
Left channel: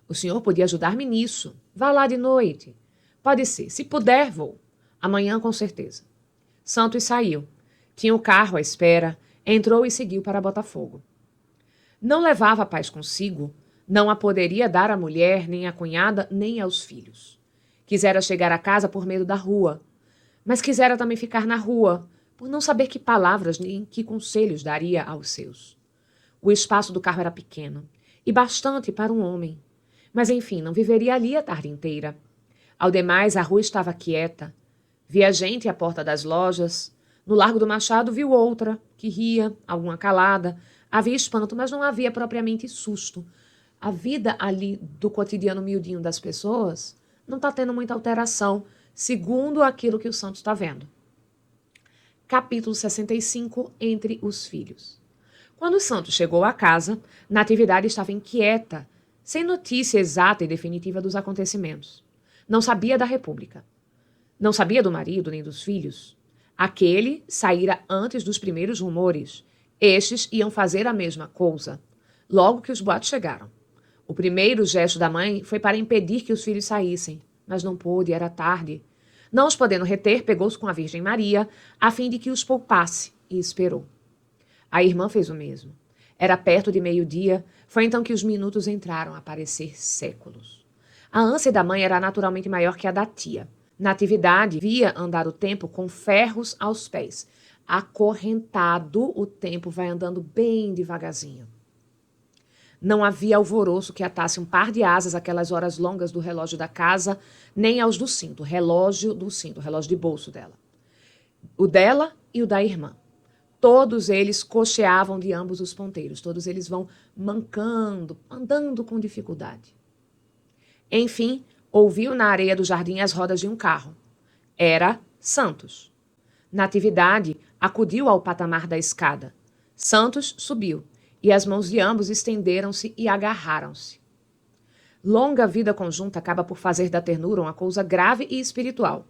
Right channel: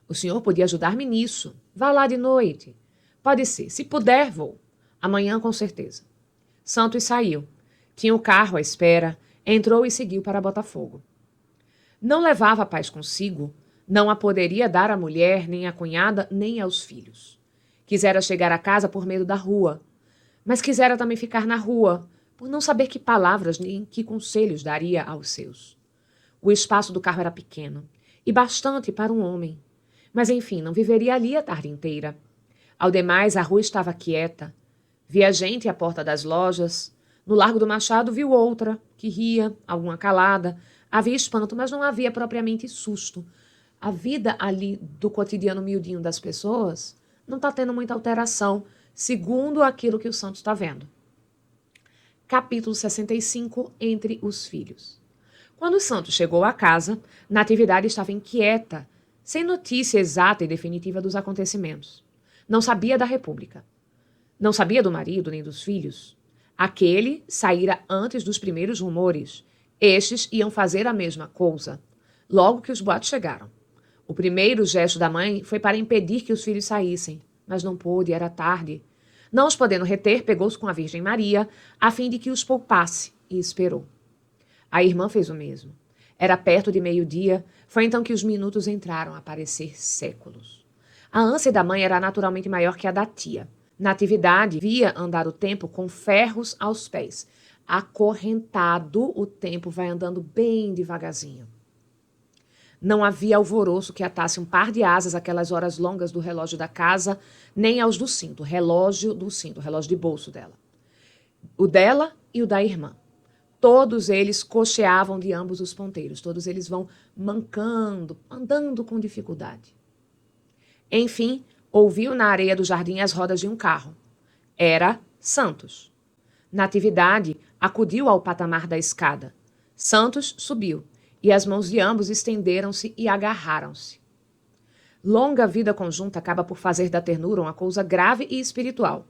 O senhor podia ajudar-me nisso. Vá lá de noite. Pode ser. Se puder, vou. Amanhã, com certeza. Santos saiu. Tinha o carro à espera. Entrou e seguiu para Botafogo. Não levava a paz consigo. Não a poderia dar à mulher, nem à cunhada, nem aos filhos. Quisera chegar a casa por medo da rua. Mas quisera também ficar na rua, por não saber que palavras nem que conselhos daria aos seus. O espaço do carro era pequeno, e bastante para um homem. Mas, enfim, não viveria ali a tarde inteira. Ao demais, a rua estava quieta. Via gente à porta das lojas. No Largo do Machado viu outra, que ria, alguma calada. Havia espanto, mas não havia propriamente susto. A vida ali do cotidiano miudinho das pessoas não está tendo muita alteração, segundo aquilo que o Santos está vendo. Capítulo 65, Entre os Filhos. Quando o Santos chegou à casa, Natividade estava inquieta, sem notícia exata e definitiva dos acontecimentos. Não sabia da República. Não sabia do marido nem dos filhos. Aquele saíra antes dos primeiros rumores. Estes iam fazer a mesma coisa, logo que os boatos chegaram. O primeiro gesto da mãe foi para impedir que os filhos saíssem, mas não pôde, era tarde. Não os podendo reter, pegou-se com a Virgem Maria, a fim de que os poupasse, e esperou. A irmã fez o mesmo. Era perto de meio-dia, foi então que os minutos entraram a parecer séculos. A ânsia da mãe era naturalmente maior que a da tia. Natividade via andar o tempo com ferros aos pés. Acorrentado, o tempo vai andando bem devagarzinho. Não havia alvoroço que atasse um par de asas àquelas horas longas do relógio da casa, nem aos do cinto, relógio de bolso dela. O dela e o da irmã. Todos eles cocheavam de ambos os ponteiros, todos eles vão mancando, andando com dificuldade. Enfim, ouviu na areia do jardim as rodas de um carro. Era Santos. Natividade acudiu ao patamar da escada. Santos subiu, e as mãos de ambos estenderam-se e agarraram-se. Longa vida conjunta acaba por fazer da ternura uma coisa grave e espiritual.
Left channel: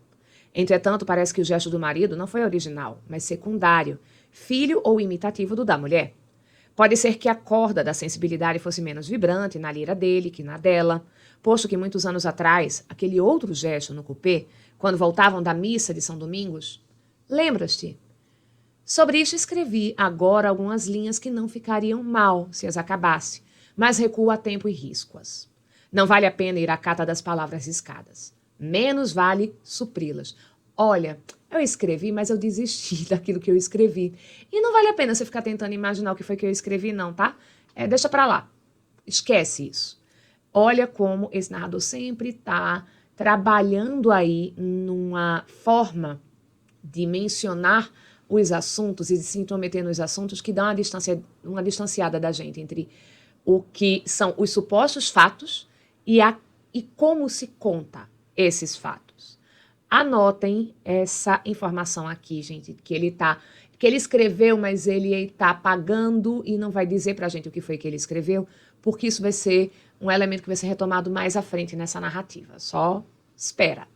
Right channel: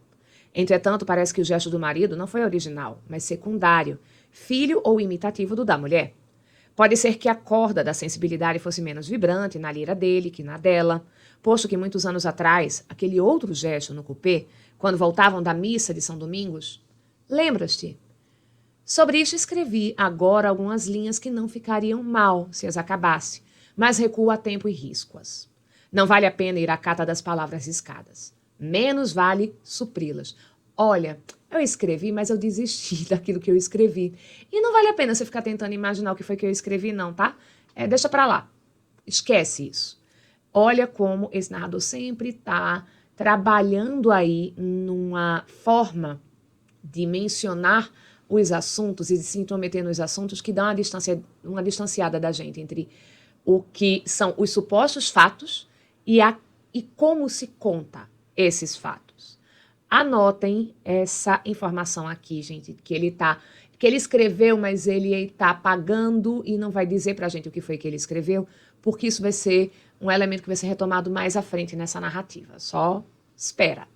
Entretanto, parece que o gesto do marido não foi original, mas secundário, filho ou imitativo do da mulher. Pode ser que a corda da sensibilidade fosse menos vibrante na lira dele que na dela, posto que muitos anos atrás, aquele outro gesto no cupê, quando voltavam da missa de São Domingos, lembras-te? Sobre isto escrevi agora algumas linhas que não ficariam mal se as acabasse, mas recuo a tempo e risco-as. Não vale a pena ir à cata das palavras riscadas. Menos vale supri-las. Olha, eu escrevi, mas eu desisti daquilo que eu escrevi. E não vale a pena você ficar tentando imaginar o que foi que eu escrevi, não, tá? Deixa pra lá. Esquece isso. Olha como esse narrador sempre está trabalhando aí numa forma de mencionar os assuntos e de se intrometer nos assuntos que dão uma distanciada da gente entre o que são os supostos fatos e como se conta esses fatos. Anotem essa informação aqui, gente, que ele escreveu, mas ele está apagando e não vai dizer pra gente o que foi que ele escreveu, porque isso vai ser um elemento que vai ser retomado mais à frente nessa narrativa. Só espera.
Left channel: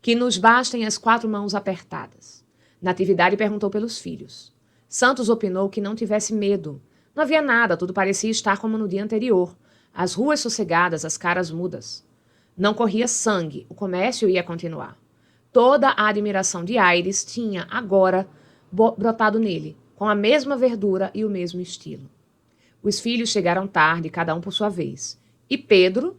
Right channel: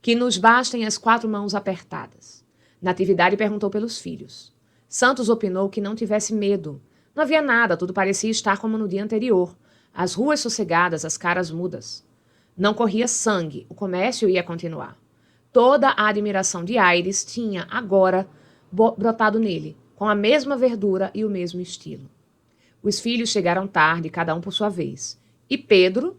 Que nos bastem as 4 mãos apertadas. Natividade perguntou pelos filhos. Santos opinou que não tivesse medo. Não havia nada, tudo parecia estar como no dia anterior. As ruas sossegadas, as caras mudas. Não corria sangue, o comércio ia continuar. Toda a admiração de Aires tinha, agora, brotado nele, com a mesma verdura e o mesmo estilo. Os filhos chegaram tarde, cada um por sua vez. E Pedro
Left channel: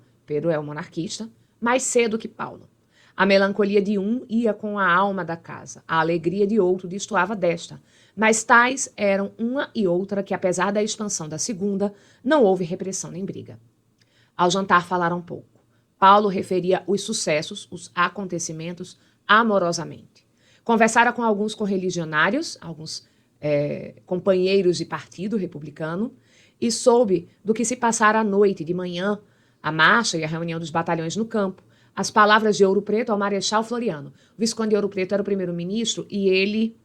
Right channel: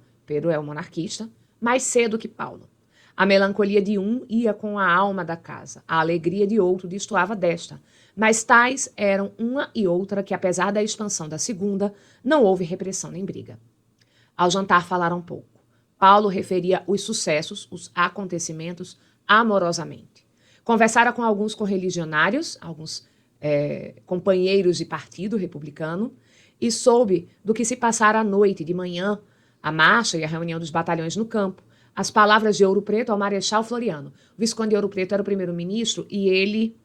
é o monarquista, mais cedo que Paulo. A melancolia de um ia com a alma da casa, a alegria de outro destoava desta. Mas tais eram uma e outra que, apesar da expansão da segunda, não houve repressão nem briga. Ao jantar falaram pouco. Paulo referia os sucessos, os acontecimentos, amorosamente. Conversara com alguns correligionários, alguns companheiros de partido republicano, e soube do que se passara à noite, de manhã, a marcha e a reunião dos batalhões no campo, as palavras de Ouro Preto ao Marechal Floriano. O Visconde de Ouro Preto era o primeiro-ministro e ele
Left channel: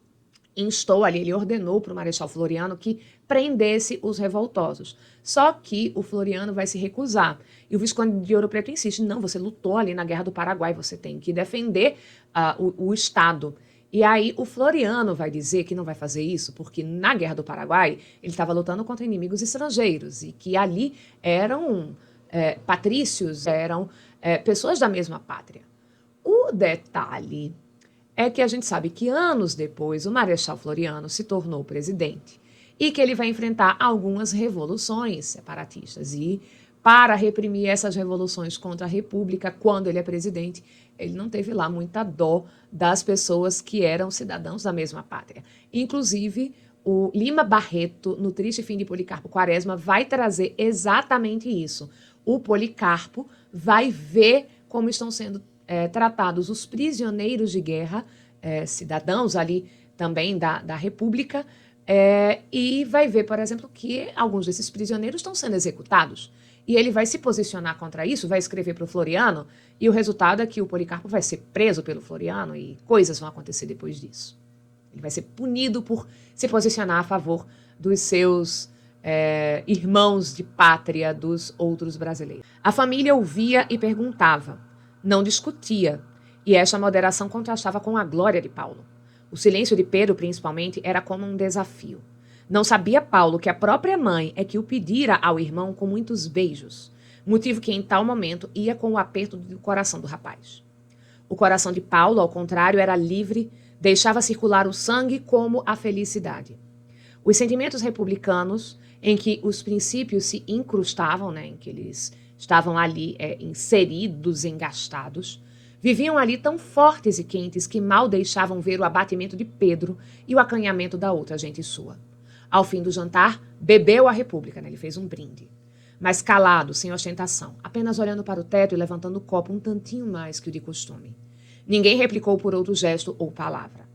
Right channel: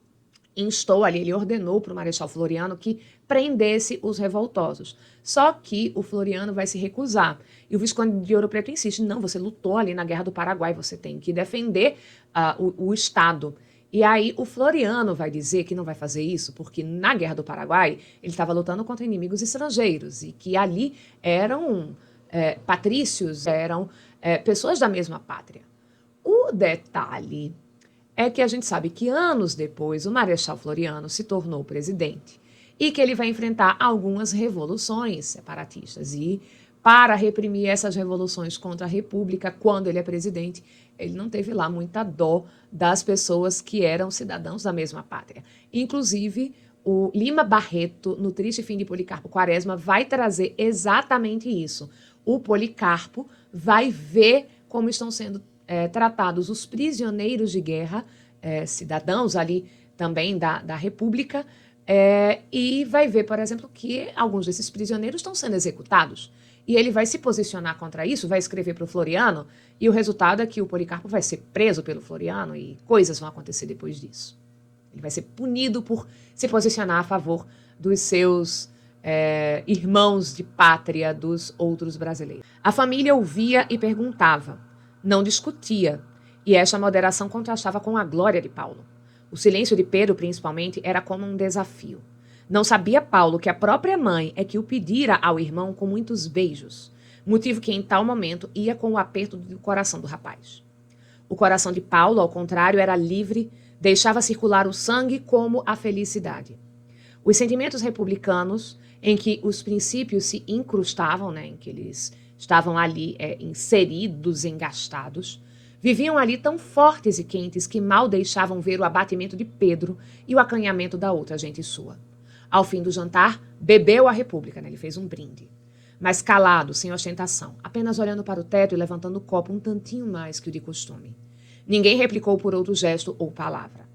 instou ali, ele ordenou para o Marechal Floriano que prendesse os revoltosos. Só que o Floriano vai se recusar. E o Visconde de Ouro Preto insiste, não, você lutou ali na Guerra do Paraguai, você tem que defender o Estado. E aí o Floriano vai dizer que não vai fazer isso, porque na Guerra do Paraguai ele estava lutando contra inimigos estrangeiros, e que ali eram patrícios, eram pessoas da mesma pátria. O detalhe é que a gente sabe que anos depois o Marechal Floriano se tornou presidente e que ele vai enfrentar algumas revoluções separatistas. E para reprimir essas revoluções contra a República, quando ele é presidente, ele não teve lá muita dó das pessoas que eram cidadãos da mesma pátria. Inclusive, o Lima Barreto, no Triste Fim de Policarpo Quaresma, vai trazer exatamente isso. O Policarpo vai ver como estão sendo tratados os prisioneiros de guerra, cidadãos ali também da República, e vai ver, por exemplo, que alguns desses prisioneiros estão sendo executados. E ele vai se posicionar contra isso, vai escrever para o Floriano, e o resultado é que o Policarpo vai ser preso pelo Floriano e coisas vão acontecer depois disso. Ele vai ser punido por se posicionar a favor dos seus irmãos de pátria, dos outros brasileiros. A família ouvia e perguntava, não discutia, e esta moderação contrastava com a glória de Paulo. O silêncio de Pedro, principalmente, era como um desafio. Não sabia Paulo que a própria mãe é que o pedira ao irmão com muitos beijos, motivo que em tal momento ia com o aperto do coração do rapaz. O coração de Paulo, ao contrário, era livre, deixava circular o sangue como a felicidade. Os sentimentos republicanos, em que os princípios se incrustavam, em que eles estavam ali inseridos, engastados, viviam ali tão fortes e quentes que mal deixavam ver o abatimento de Pedro e o acanhamento da outra gente sua. Ao fim do jantar, bebeu a República, ele fez um brinde. Mas calado, sem ostentação, apenas olhando para o teto e levantando o copo um tantinho mais que o de costume. Ninguém replicou por outro gesto ou palavra.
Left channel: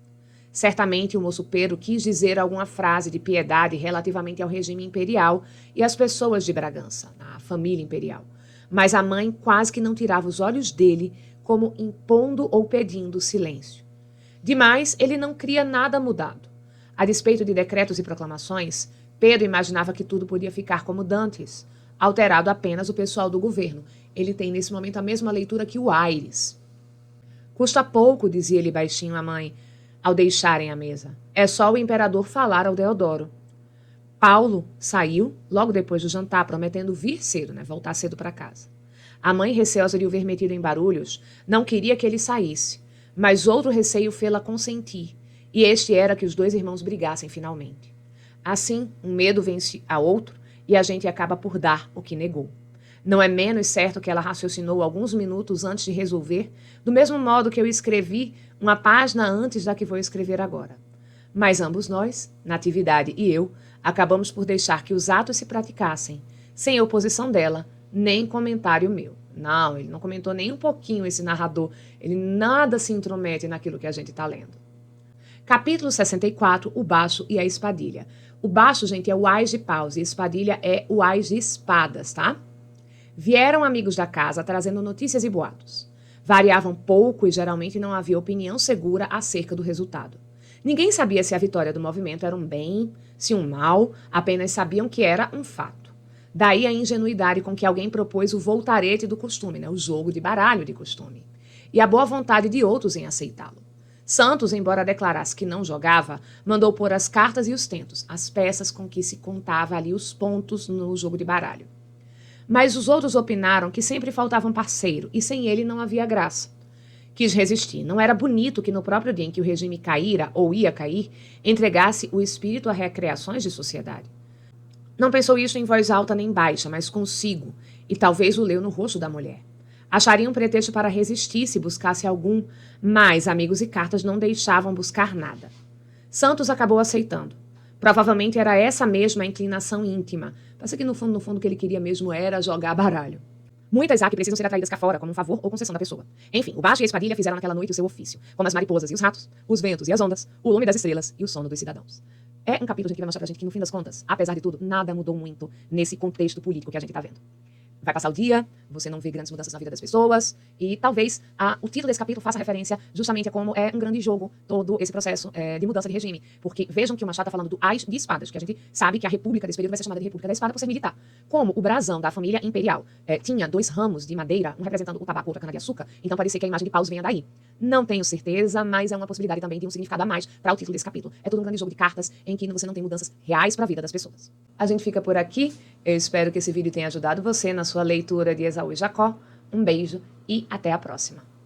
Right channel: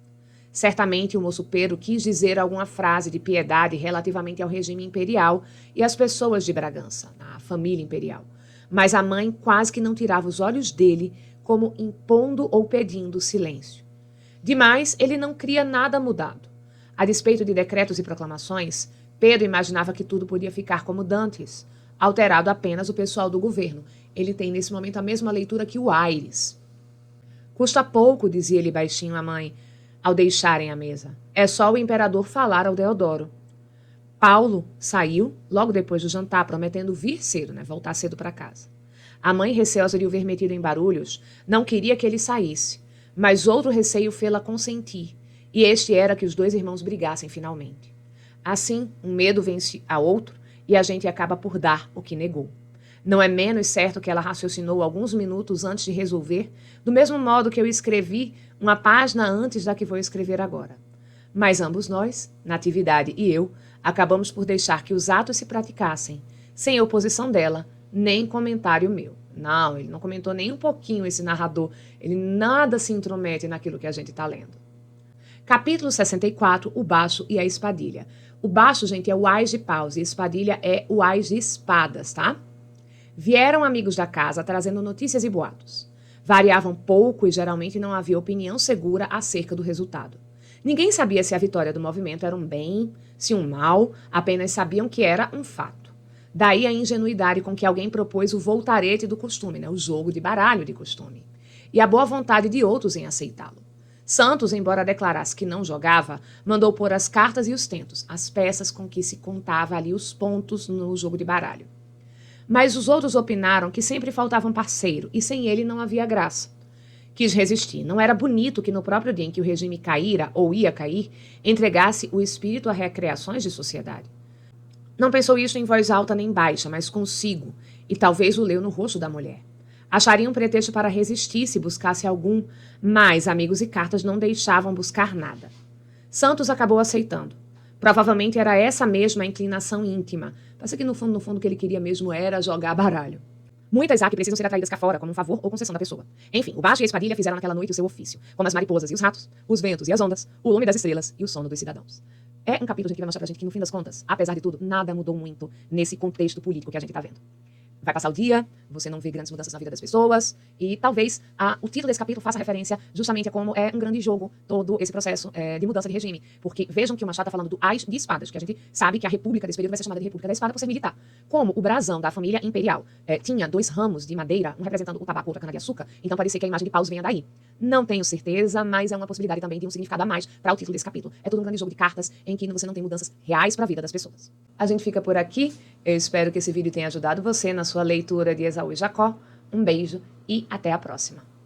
Certamente o moço Pedro quis dizer alguma frase de piedade relativamente ao regime imperial e às pessoas de Bragança, a família imperial. Mas a mãe quase que não tirava os olhos dele, como impondo ou pedindo silêncio. Demais, ele não cria nada mudado. A despeito de decretos e proclamações, Pedro imaginava que tudo podia ficar como dantes, alterado apenas o pessoal do governo. Ele tem nesse momento a mesma leitura que o Aires. Custa pouco, dizia ele baixinho à mãe, ao deixarem a mesa. É só o imperador falar ao Deodoro. Paulo saiu logo depois do jantar, prometendo vir cedo, voltar cedo para casa. A mãe, receosa de o ver metido em barulhos, não queria que ele saísse, mas outro receio fê-la consentir, e este era que os dois irmãos brigassem finalmente. Assim, um medo vence a outro e a gente acaba por dar o que negou. Não é menos certo que ela raciocinou alguns minutos antes de resolver, do mesmo modo que eu escrevi uma página antes da que vou escrever agora. Mas ambos nós, Natividade e eu, acabamos por deixar que os atos se praticassem, sem oposição dela, nem comentário meu. Não, ele não comentou nem um pouquinho, esse narrador. Ele nada se intromete naquilo que a gente está lendo. Capítulo 64, o baixo e a espadilha. O baixo, gente, é o ás de paus e a espadilha é o ás de espadas, tá? Vieram amigos da casa trazendo notícias e boatos. Variavam pouco e geralmente não havia opinião segura acerca do resultado. Ninguém sabia se a vitória do movimento era um bem, se um mal, apenas sabiam que era um fato. Daí a ingenuidade com que alguém propôs o voltarete do costume, o jogo de baralho de costume, e a boa vontade de outros em aceitá-lo. Santos, embora declarasse que não jogava, mandou pôr as cartas e os tentos, as peças com que se contava ali os pontos no jogo de baralho. Mas os outros opinaram que sempre faltava um parceiro, e sem ele não havia graça. Quis resistir. Não era bonito que no próprio dia em que o regime caíra, ou ia cair, entregasse o espírito a recreações de sociedade. Não pensou isso em voz alta nem baixa, mas consigo, e talvez o leu no rosto da mulher. Acharia um pretexto para resistir se buscasse algum, mas amigos e cartas não deixavam buscar nada. Santos acabou aceitando. Provavelmente era essa mesma inclinação íntima. Passa que no fundo o que ele queria mesmo era jogar baralho. Muitas há que precisam ser atraídas cá fora, como um favor ou concessão da pessoa. Enfim, o baixo e a espadilha fizeram naquela noite o seu ofício, como as mariposas e os ratos, os ventos e as ondas, o lume das estrelas e o sono dos cidadãos. É um capítulo que vai mostrar pra gente que, no fim das contas, apesar de tudo, nada mudou muito nesse contexto político que a gente tá vendo. Vai passar o dia, você não vê grandes mudanças na vida das pessoas, e talvez o título desse capítulo faça referência justamente a como é um grande jogo todo esse processo de mudança de regime. Porque vejam que o Machado está falando do Ás de Espadas, que a gente sabe que a república desse período vai ser chamada de República da Espada por ser militar. Como o brasão da família imperial tinha 2 ramos de madeira, um representando o tabaco e outro a cana-de-açúcar, então parecia que a imagem de paus vinha daí. Não tenho certeza, mas é uma possibilidade também de um significado a mais para o título desse capítulo. É todo um grande jogo de cartas em que você não tem mudanças reais para a vida das pessoas. A gente fica por aqui. Eu espero que esse vídeo tenha ajudado você na sua leitura de Esaú e Jacó. Um beijo e até a próxima.